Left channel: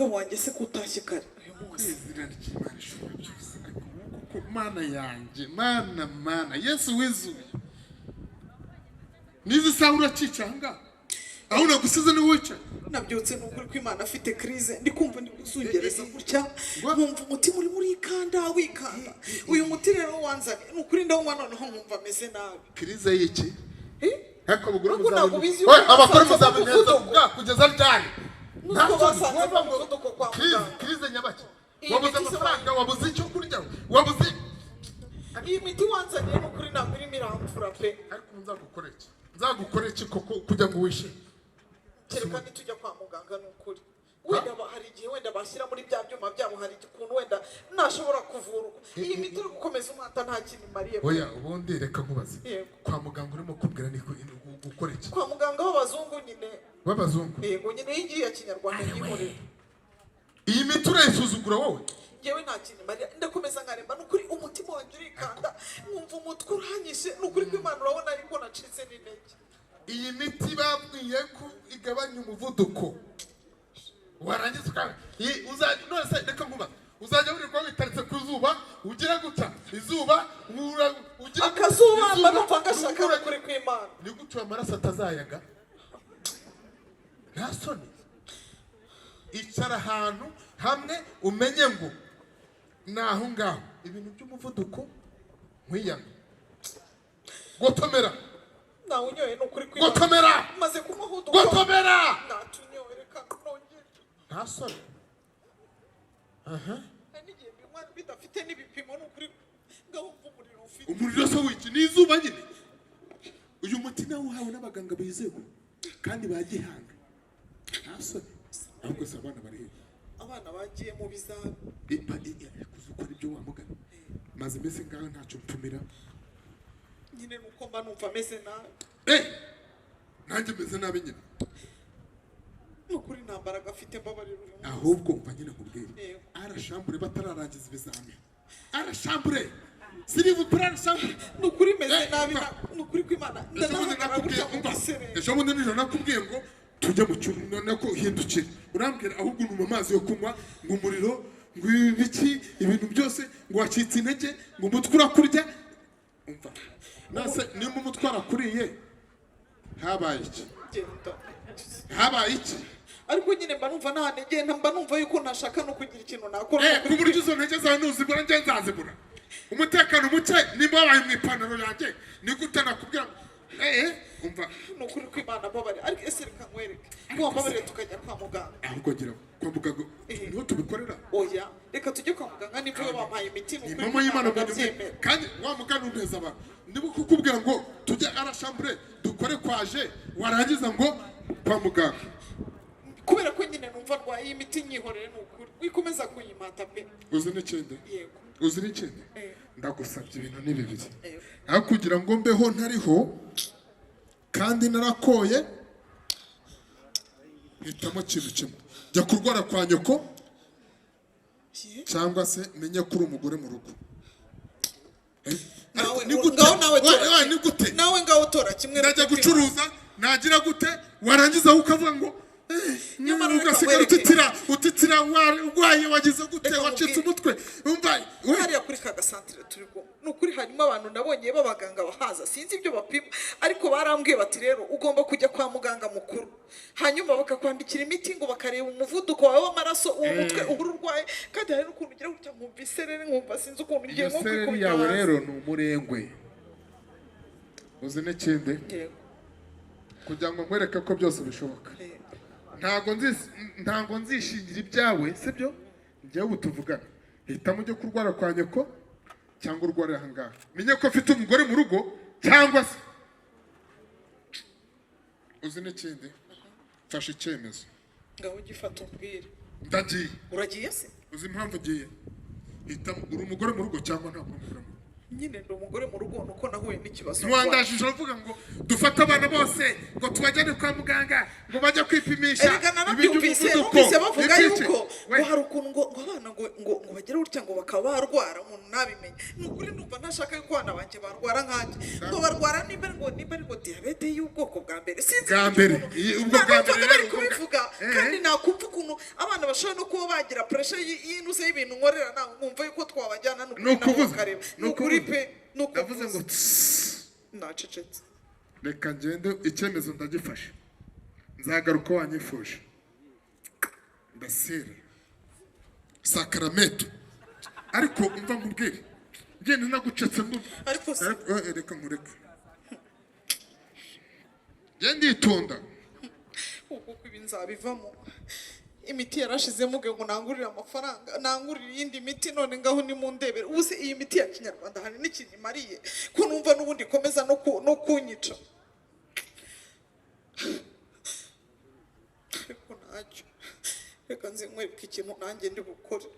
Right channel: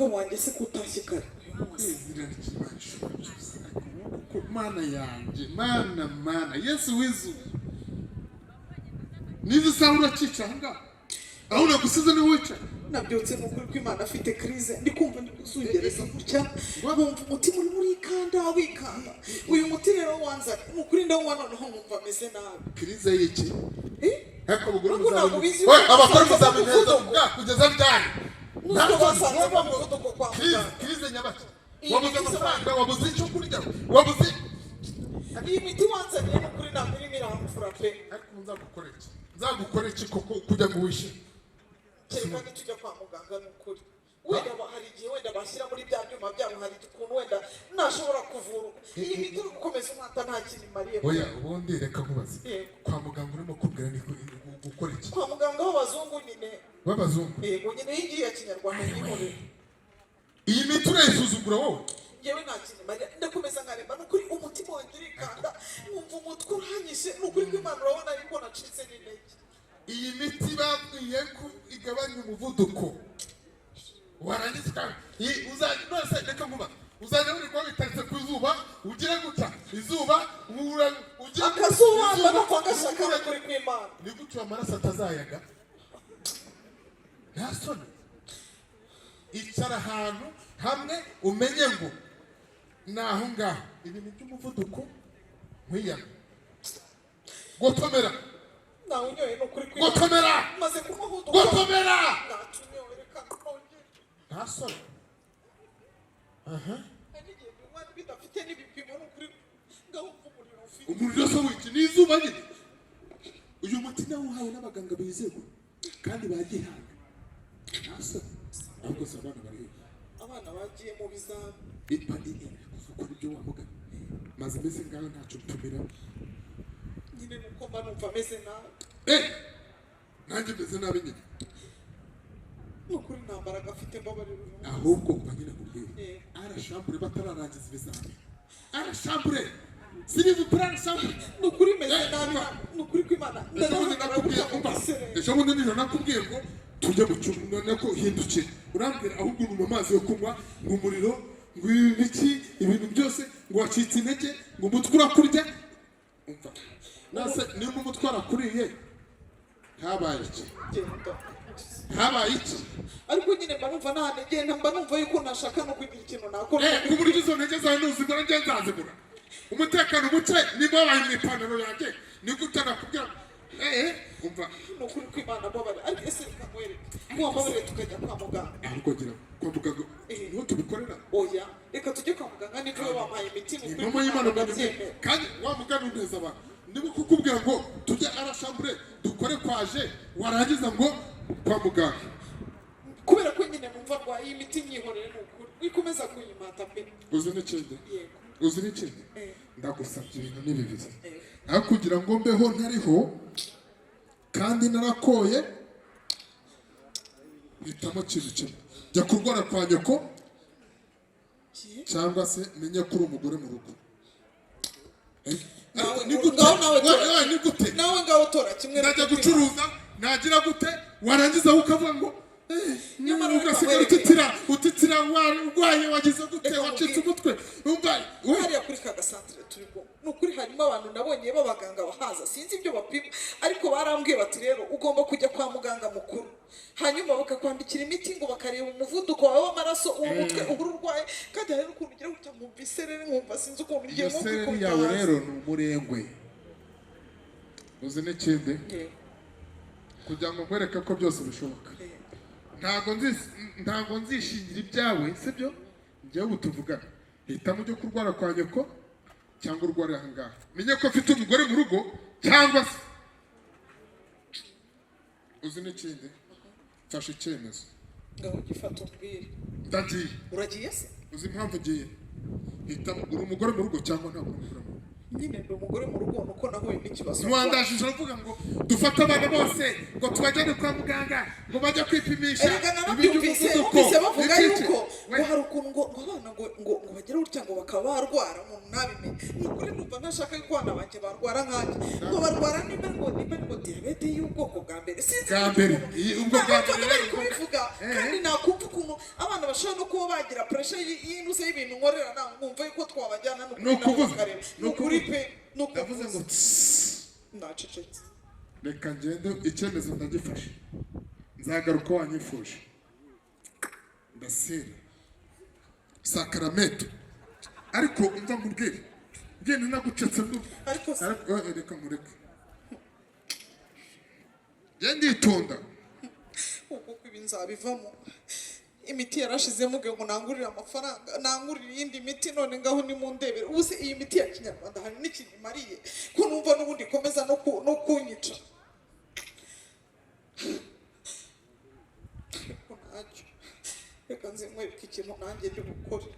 mugabo wanjye se kutashye kare kwizira n'Imana ko mana yanjye mana Yesu wizu nizi sahura cicanga aho nagusize ni wica nabyutse n'ukuri ko Imana afite crise ndi kumva ndi gusungereza gutya nkumva umutima uri muri kanda wikanga uyu muti rero wanza n'ukuri ndawumva noneho nkumva ameze nabi crise y'iki hako buguru muzabizi abakora muzabineza kugeza ryari crise nyabaki wabuze amafaranga wabuze icyo kurya wabuze iyi miti wanza rero n'ukuri ntabwo irimo iramfura pe ariko nzagukora iki koko kujya ngo wishime kereka nitujya kwa muganga n'ukuri wenda hari igihe wenda bashyira muri bya byuma byabo hari igikuntu wenda ntashobora kuvura iyi miti uri gukomeza umwata nta kintu imariye oya ubundi reka nkubaze kwa muganga urimo kubwira ni gukora iki kwa muganga w'abazungu nyine w'abazungu yego nyine iyi ngiyi ya kinyarwanda yihorera iyi miti urayisuzugura wowe yewe nta kintu imariye ndakomeza nkaremba n'ukuri umutima wanjye urikanda nkumva umutwe urahanyishe n'ukuri ko Imana urabona ariko nacitse n'intege iyi miti babwiye ko igabanya umuvuduko warangiza uzajya reka nkuba uzajya uri kwa bitaritse ku zuba ugira gutya izuba ugira akazuba n'umva ngashaka kuri kw'Imana ni gutyo amaraso atazayaga nta soni icara ahantu hamwe umenye ngo naho ngaho ibintu by'umuvuduko nkwiyana gotomera nawe unyoye n'ukuri kw'Imana gotomera maze kumuhuduka gotomera natunyoye reka nongere nta soni n'igihe bimwe bidafite n'ibipimo n'ukuri ngahumva umuriro ufite umuriro se wiki ni izuba nyine uyu muti nawe uhawe n'abaganga bizewe kandi bagihaye nta soni ahubwo se abana bari abana bagiye mu bizami ukora ibyo wamugana maze mbese ngaho ntacyo mpfumira nyine nuko mba numva ameze nabi nanjye meze nabi nyine nukuri nta mbaraga afite mbabarira ahubwo mba nyine kubwira arashambure batararangiza ibizami arashambure sirivu kuri arashambure nukuri meze nabi nukuri kw'Imana ndanavuga gutya mu gisere ejo bundi nijoro nakubwiye ngo tujye mu cyumba nako uhindukire urambwira ahubwo unywa amazi yo kunywa ngo umuriro ngo ibiki ibintu byose ngo wacitse intege ngo umutwe urakurya umva nase niba umutwe warakuriye habaye iki habaye iki ariko nyine mba numva nta ntege mba numva yuko ntashaka no kugira ikintu nakora ku buryo izo ntege zawe ntuzigura njye nzazigura umutekano muke niba wabaye mu ipantaro yanjye ni gute nakubwira umva nukuri kw'Imana mbabarira ariko ese reka nkwereke ngo mbabarire tukajya kwa muganga ahubwo gira kwa muganga niho tubikorera oya reka tujye kwa muganga niba iyo bampaye imiti ni mama y'Imana kandi wa muganga uneza abantu niba kukubwira ngo tujye arashambure dukore kwaje warangiza ngo kwa muganga kubera ko nyine numva rwaye iyi miti nyihorere n'ukuri wikomeza kuyimata pe uzi n'ikindi yego uzi n'ikindi ndagusabye ibintu ni bibiri aho kugira ngo mbeho ntariho kandi narakoye hitamo ikintu kimwe jya kurwara kwa nyoko cyangwa se menye ko uri umugore mu rugo ni gute nawe ngaho tora kimwe najya gucuruza nagira gute warangiza ukavuga ngo ugasigara utitira urwaye wagize gute wacitse umutwe umva hariya kuri ka gasantere turimo nukuri hanyuma abantu nabonye b'abaganga bahaza sinzi ibyo bapima ariko barambwiye bati rero ugomba kujya kwa muganga mukuru hanyuma bakakwandikira imiti ngo bakareba umuvuduko wawe w'amaraso uwo mutwe uhura urwaye kandi hari n'ukuntu ugira gutya nkumva isereri nkumva sinzi ukuntu ngiye nko kwikubita yawe rero ni umurengwe uzi n'ikindi kugira ngo nkwereke ko byose bishoboka ntago nzishingira ibyawe sibyo njyewe ubu tuvugana hitamo ujye kurwara kwa nyoko cyangwa urwara aha ngaha menye ko afite umugore mu rugo cyangwa se uzi n'ikindi mfashe icyemezo ngaho ugifata umbwire ndagiye uragiye se uzi impamvu ugiye hitamo uri umugore mu rugo cyangwa ntabwo uri umugore mu rugo nyine ndi umugore mu rugo nuko nahuye n'ikibazo ntiwandajije uravuga ngo dufate abana bose ngo tubajyane kwa muganga ngo bajya kwipimisha erega narabyumvise bavuga yuko ngo hari ukuntu ngo abana ngo bagere gutya ngo bakaba barwara umuntu nabimenye ni ukuri numva ntashaka yuko abana banjye barwara nkanjye ngo barwara niba ngo diyabete y'ubwoko bwa mbere sinzi bwa mbere ubwo bwa mbere bari kubivuga kandi nakumva ukuntu abana bashobora no kuba bagira pressure y'intuze y'ibintu nkorera nawe nkumva yuko twabajyana ni ukuri pe ndavuze ngo nacecetse reka ngende icyemezo ndagifashe nzagaruka wanyifuje ndasera sakarameto ariko umva nkubwire ngende nagucetse ariko reka nkureke ngende itonda kuko ibi nzabivamo imiti yarashizemo ngo nangurire amafaranga nangurire iyindi miti none ngaho ni mu ndebere ubu se iyi miti ya kinyarwanda hari n'ikintu imariye ko numva n'ubundi ikomeza no kunyica ariko ntacyo reka nzi nkwereka ikintu nanjye ndi bukore